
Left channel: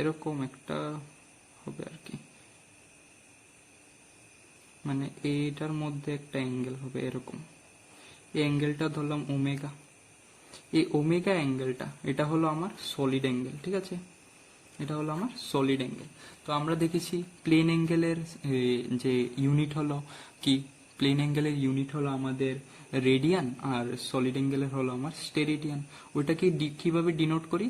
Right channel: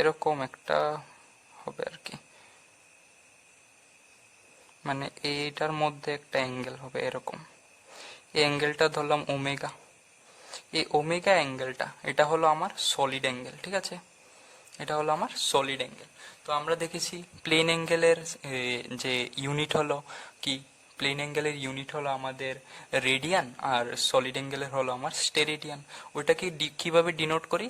এরকম একটা হবে আর কি, মানে এইটার মধ্যে একটা অ্যাঙ্গেল হবে এরকম। এই অ্যাঙ্গেলটা ধরলাম ওমেগা, এই ওমেগা অ্যাঙ্গেলটা এটা হলো আমার সলিড অ্যাঙ্গেল। ঠিক আছে, এটা হলো আমার সলিড অ্যাঙ্গেল। তো আমরা দেখেছি প্লেন অ্যাঙ্গেলের যে ইউনিট হলো কি, প্লেন অ্যাঙ্গেলের ইউনিট হলো আমাদের রেডিয়ান, আর সলিড অ্যাঙ্গেলের হলো আমার স্টেরেডিয়ান। ওইটাকে কিভাবে ডিনোট করি,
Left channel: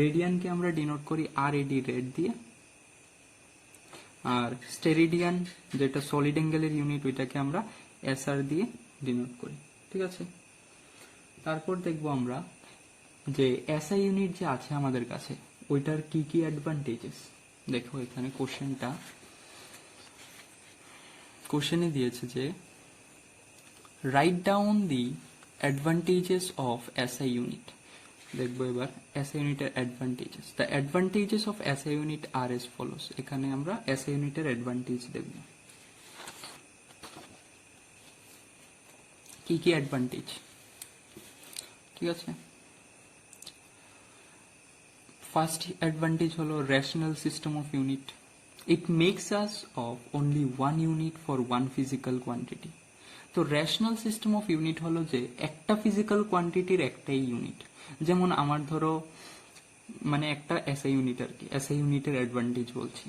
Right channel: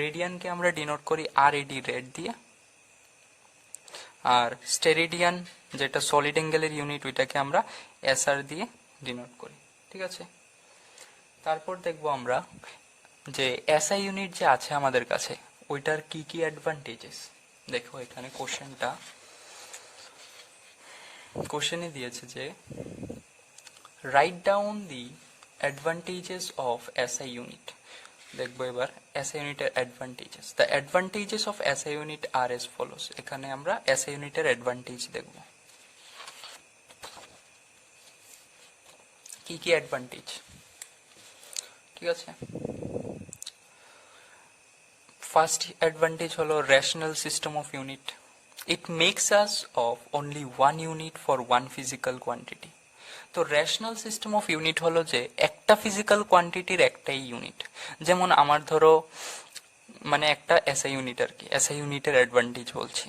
রেডিয়ানকে আমরা ডিনোট করি আর এডি রেড দিয়ে, আর স্টেরেডিয়ান যেটা সলিড অ্যাঙ্গেলের ইউনিট ওইটাকে আমরা এসআর দিয়ে ডিনোট করি। ঠিক আছে, তারপর দেখবো আমরা যে এসআই ইউনিট যে আছে আমাদের কাছে ওইটার কি কি অ্যাডভান্টেজেস। দেখো এখানে কোশ্চেনে দিয়েছে যে right down the advantages of SI unit. দেখবো এবার এসআই ইউনিটের advantages. The advantages of SI unit are as follows. এখানে আমরা এসআই ইউনিটের অ্যাডভান্টেজ দেখব, কি কি অ্যাডভান্টেজ। ঠিক আছে, ফার্স্ট অ্যাডভান্টেজ হলো rational system of unit. It makes use of only one unit for one physical quantity. তো রেশনাল সিস্টেম অফ ইউনিট হলো যে একটা ফিজিক্যাল কোয়ান্টিটির একটাই ইউনিট। যেমন আমার ধরো মানে একটা এসআই ইউনিট আর কি, এসআই ইউনিটের অ্যাডভান্টেজ বলছি।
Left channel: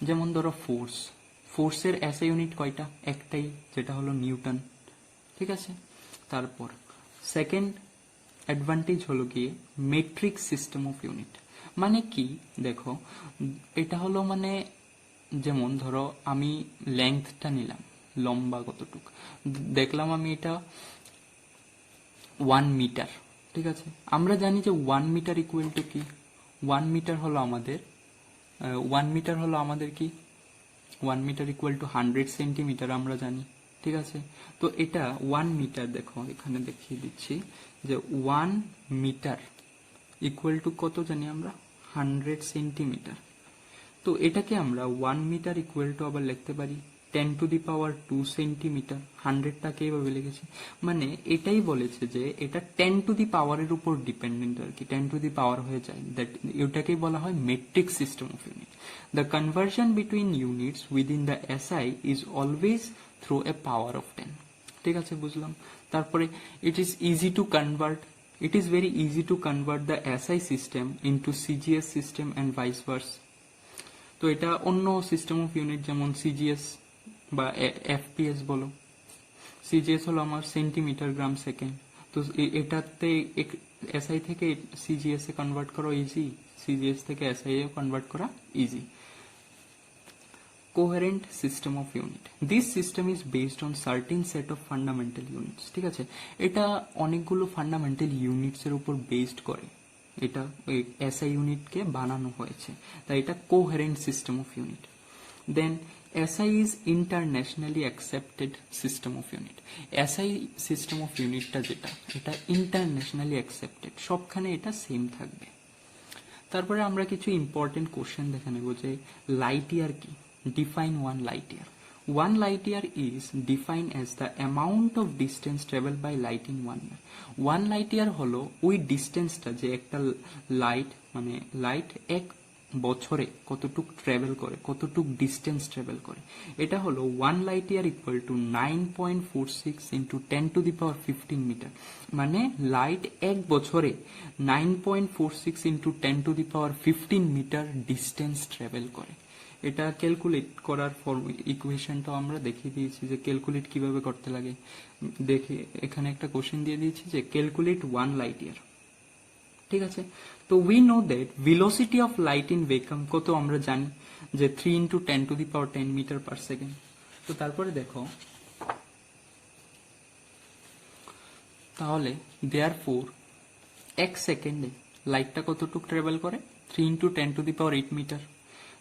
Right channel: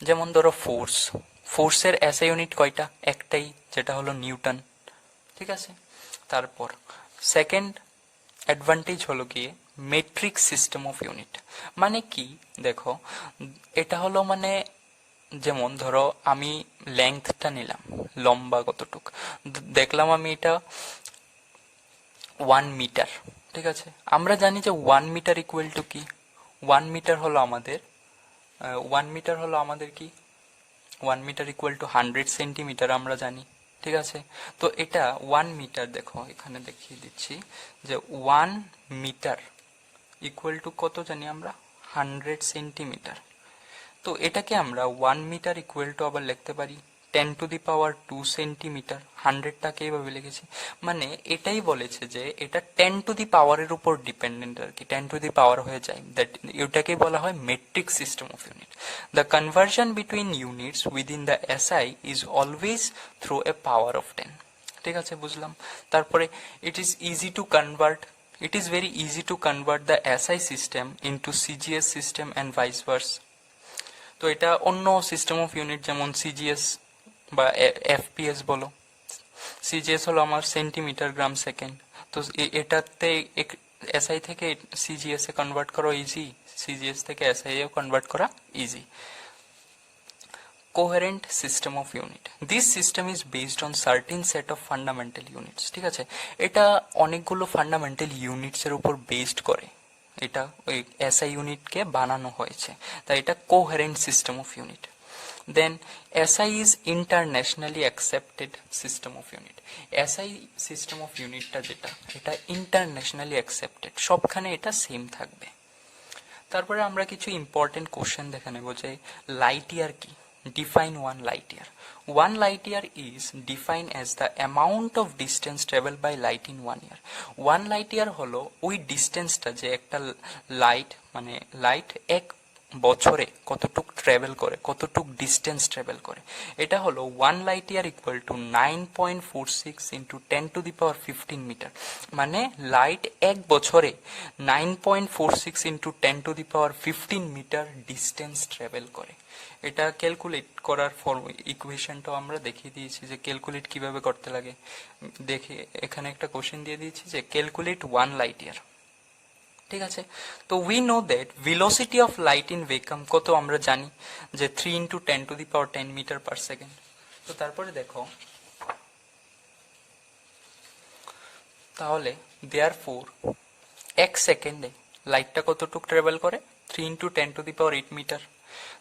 যেমন ধরো ফোর্সের এসআই ইউনিট কয়টা? একটাই, যেটা হলো নিউটন। ঠিক আছে, তারপর সেকেন্ড অ্যাডভান্টেজ হলো গিয়ে মেট্রিক সিস্টেম অফ ইউনিট। মানে কি দেখো, এটা হলো মানে যেমন ধরো আমি লেংথটা নিলাম, লম্বা কতটুক, দেখলাম আমি এটা 1 মিটার। ঠিক আছে, আমরা জানি যে 1 মিটার ইকুয়াল টু কি? 1 মিটার হলো আমাদের 1 মিটার হলো আমাদের কি? 1 মিটার ইকুয়াল টু 100 সেন্টিমিটার, আমরা জানি। ঠিক আছে, তো এটা 1 মিটার, দেখো এখানে দেখিয়ে দিচ্ছি যে 1 মিটার ইকুয়াল টু কত জানি আমরা? 100 সেন্টিমিটার। তো এটাকে আমরা 1 মিটার ইকুয়াল টু আবার লিখতে পারি 10⁻²সেন্টিমিটার। 100টাকে এইভাবে লিখেছি, মানে এটাই বলেছে যে এটা 10⁻এর উপর ডিপেন্ডেন্ট আর কি, 10 হয়ে যায়, দ্যাট এটাকেই বলা হয় metric system of unit. The conversion between units within the SI is always through a power of 10। ঠিক আছে, বুঝলাম। তারপরে it is easy to convert, it is very easy to convert the SI system into CGS system and vice verse. তো এটা অন্য system of unit যেমন CGS বা FPS বলো, সিজিএস হলো আমার সেন্টিমিটার গ্রাম সেকেন্ড, তো এটাতে এসআই থেকে সিজিএস এ কনভার্ট করা ইজি, সিজিএস থেকে এসআই এ কনভার্ট করা easy. Coherent system of unit, this system is based on sardine set of fundamental units. ঠিক আছে, এটা অনেকগুলো ফান্ডামেন্টাল ইউনিটস এর উপর বেসড করে এটা ওই এসআই ইউনিটকে বানানো হয়েছে, তাই এটা coherent system of unit. Then SI is internationally accepted system of unit. SI system of ইউনিটটা যেটা, এটা ইন্টারন্যাশনালি অ্যাকসেপ্টেড, সবখানে এটা সেম থাকবে। তারপরে আমরা কিছু ইম্পর্টেন্ট কোশ্চেন দেখে নেব যে লাইট ইয়ার কি, define one light year. One light year is define as the amount of distance travel by light in 1 year. One light year হলো ওই ডিস্টেন্সটা যে একটা লাইট, মানে লাইট এক বছরে কতটুক ট্রাভেল করে, কতটুক ডিস্টেন্স ট্রাভেল করে, এটা হলো 1 light year equal to 9.46 into 10⁻15 metre. মানে লাইট এক বছরে 9.46 ইন্টু 10⁻15 মিটার ডিস্টেন্স ট্রাভেল করে। এটা ক্যালকুলেট করার ইকুয়েশনটাও আমরা দেখিয়ে দিয়েছি যে ক্যালকুলেট কিভাবে করতে লাগে। দেখে এখানে একটা কোশ্চেন দিয়ে দিয়েছি যে ক্যালকুলেট 1 লাইট ইয়ার। ঠিক আছে, তো we know that velocity of light in vacuum কত আমরা জানি যে 3 ইন্টু 10⁻10 মিটার পার সেকেন্ড। তো তারপরে দেখো, তাহলে দেয়ারফোর এক সেকেন্ডে লাইটটা কতটুক ট্রাভেল করে? 3 ইন্টু 10⁸ মিটার।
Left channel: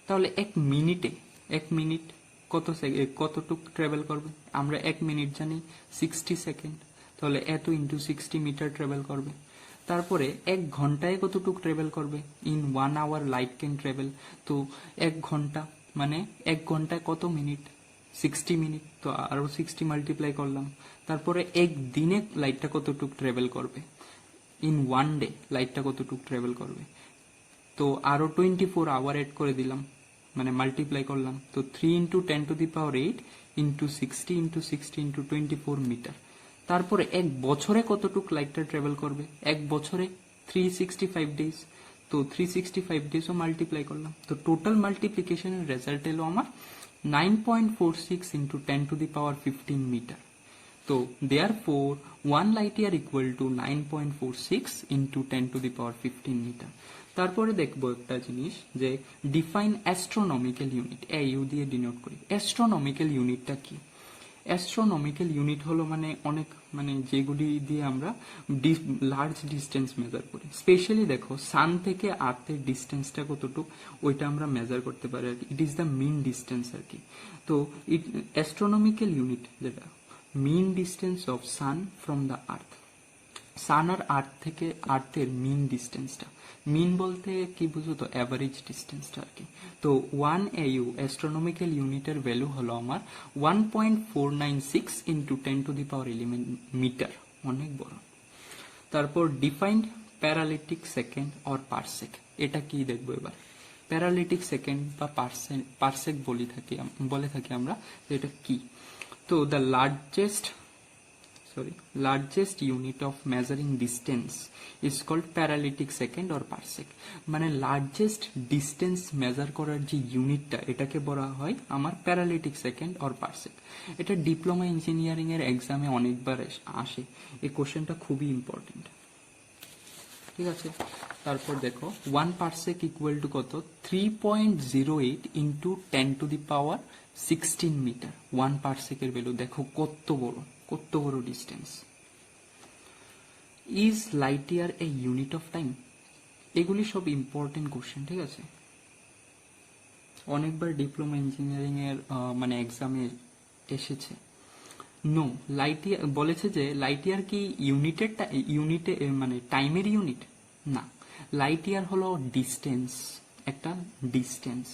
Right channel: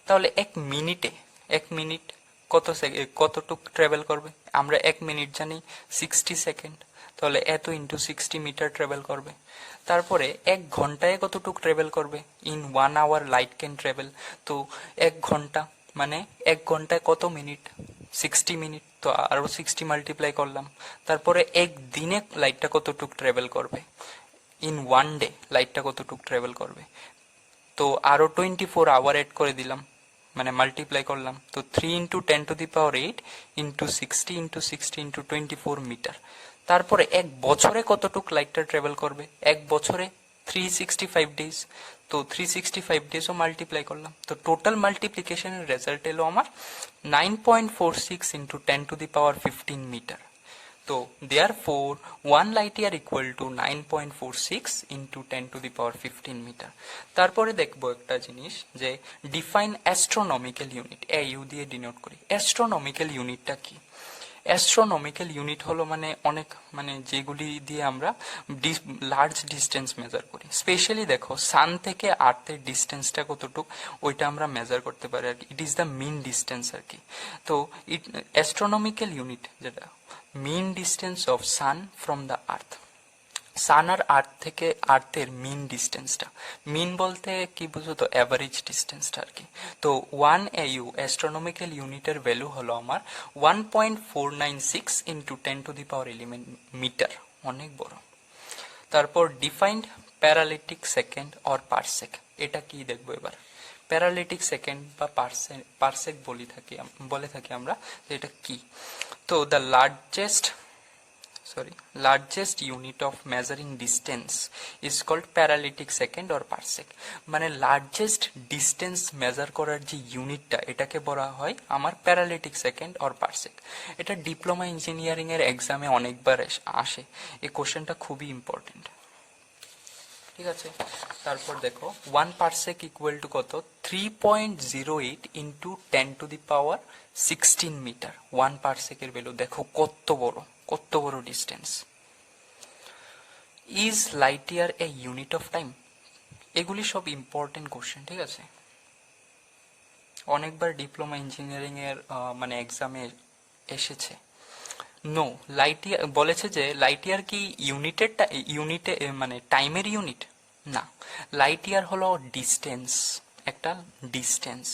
তাহলে এক মিনিট কতটুক ট্রাভেল করবে? আমরা 1 মিনিট জানি 60 সেকেন্ড, তাহলে এত ইন্টু 60 মিটার ট্রাভেল করবে। তারপরে 1 ঘন্টায় কতটুক ট্রাভেল করবে? In 1 hour light can travel. তো 1 ঘন্টা মানে 1 ঘন্টায় কত মিনিট? 60 মিনিট, তো আরো 60 মাল্টিপ্লাই করলাম। তারপরে একদিনে লাইটটা কতটুক ট্রাভেল করবে? ইন 1 ডে লাইটটা কতটুক ট্রাভেল করবে? তো আরো 24 আওয়ার এড করে দিলাম, মানে মাল্টিপ্লাই করলাম। তো 3 into 10⁸ into 60 into 60 into 24 metre. তারপরে এক বছরে কতটুক লাইটটা ট্রাভেল করবে? এক বছরে 365 ডেজ, তো 365 ডেজও মাল্টিপ্লাই করলাম। তো টোটাল মাল্টিপ্লিকেশনের রেজাল্ট এলো আমার 9.46 ইন্টু 10⁻15 মিটার। তো therefore 1 light year equal to 9.46 into 10⁻15 metre. তারপরে দেখবো একটা জিনিস যে ডিফাইন অ্যাস্ট্রোনমিক্যাল ইউনিট, ইউ দিয়ে ডিনোট করি। অ্যাস্ট্রোনমিক্যাল ইউনিটটা কি? অ্যাস্ট্রোনমিক্যাল ইউনিট হলো মানে অনেক, মানে যেগুলি দিয়ে আমরা লার্জ ডিস্টেন্স মেজার করি। স্পেশালি দেখো সান থেকে আর্থের ডিস্টেন্সটা কতটুক, ওইটা আমরা মেজার করতে পারি আর কি। It is the mean distance আর কি। তো অ্যাস্ট্রোনমিক্যাল ইউনিট যেটা mean distance of sun from the earth, sun আর আর্থ থেকে আর্থের মিন ডিস্টেন্সটা, মিন বলতে কি বুঝো তো অ্যাভারেজ ডিস্টেন্সটা আর কি। তো 1 AU অ্যাস্ট্রোনমিক্যাল ইউনিটের ভ্যালু হলো আমার 1.496 ইন্টু 10⁻11 মিটার, অনেক বড়। তারপর ডিফাইন্ড প্যারালিটিক সেকেন্ড অর পারসেক, এটা কি দেখবো এবার। প্যারালিটিক সেকেন্ড বা পারসেক বলে থাকি আমরা, এটা কি। তো the largest sorry, largest unit of measuring distance is called parallactic second or parsec. মানে লার্জেস্ট ডিস্টেন্স মেজার করার যে ইউনিটটা, এটাকে বলা হয় আমার প্যারালিটিক সেকেন্ড অর পারসেক। এটা ডিপ্লোমা ইঞ্জিনিয়ারিং এর এক্সামে অনেকবার আসে, এই কোশ্চেনটা খুবই ইম্পর্টেন্ট। ঠিক আছে, তারপর দেখো 1 পারসেক ইকুয়াল টু কত, 3.08 ইন্টু 10⁻16 মিটার। 1 পারসেকের ভ্যালু দেখো কত বড় distance. Is light year A unit of time? এগুলি সব ইম্পর্টেন্ট কোশ্চেন, ঠিক আছে, অনেকবার ডিপ্লোমা ইঞ্জিনিয়ারিং এর মানে এক্সামে এসেছে। নো, লাইট ইয়ার বলেছে যে লাইট ইয়ার কি ইউনিটে মানে টাইমের ইউনিট না। লাইট ইয়ার হলো ডিস্টেন্স, একটা ডিস্টেন্স।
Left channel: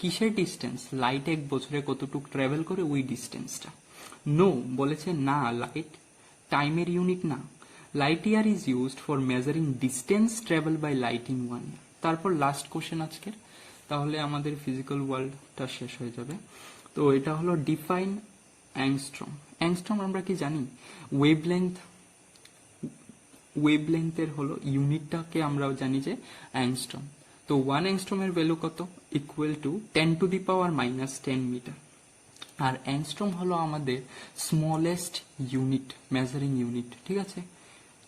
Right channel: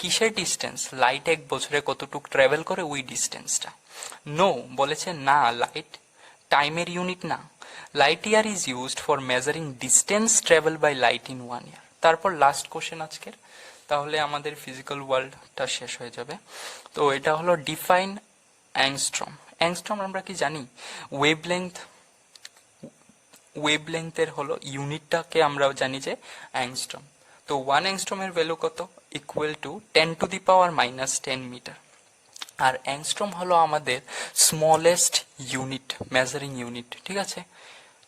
কিসের ডিস্টেন্স? লাইট 1 বছরে কতটুকু ট্রাভেল করে ওই ডিস্টেন্সটা। নো বলেছে না, লাইট টাইমের ইউনিট না। Light year is used for measuring distance travel by light in 1 year. তারপর লাস্ট কোশ্চেন আজকের, তাহলে আমাদের ফিজিক্যাল ওয়ার্ল্ডটা শেষ হয়ে যাবে। তো এটা হলো ডিফাইন অ্যাংস্ট্রম। অ্যাংস্ট্রম আমরা কি জানি? ওয়েভলেংথের হলো ইউনিটটাকে আমরা জানি যে অ্যাংস্ট্রম। তো 1 অ্যাংস্ট্রমের ভ্যালু কত? Equal to 10⁻⁻10 metre. আর অ্যাংস্ট্রম হলো আমাদের স্মলেস্ট ইউনিট, মেজারিং ইউনিট, ঠিক আছে।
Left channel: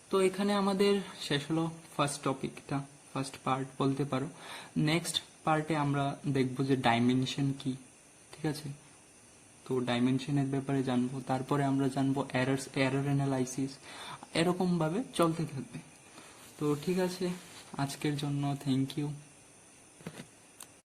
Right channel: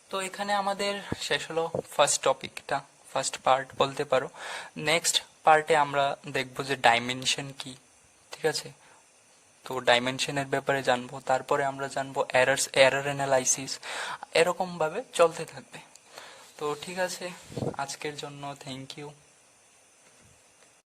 তো এখানে আমাদের শেষ হলো ফার্স্ট টপিকটা, ফার্স্ট পার্ট বলতে পারো। নেক্সট পার্টে আমরা দেখবো যে ডাইমেনশন কি, ঠিক আছে। তো ডাইমেনশনের ব্যাপারে জানবো, তারপরে আমরা জানবো এরর অ্যানালাইসিস, এরকম ভাবে চলতে থাকবে। তো ঠিক আছে, আজকের জন্য থ্যাংক ইউ।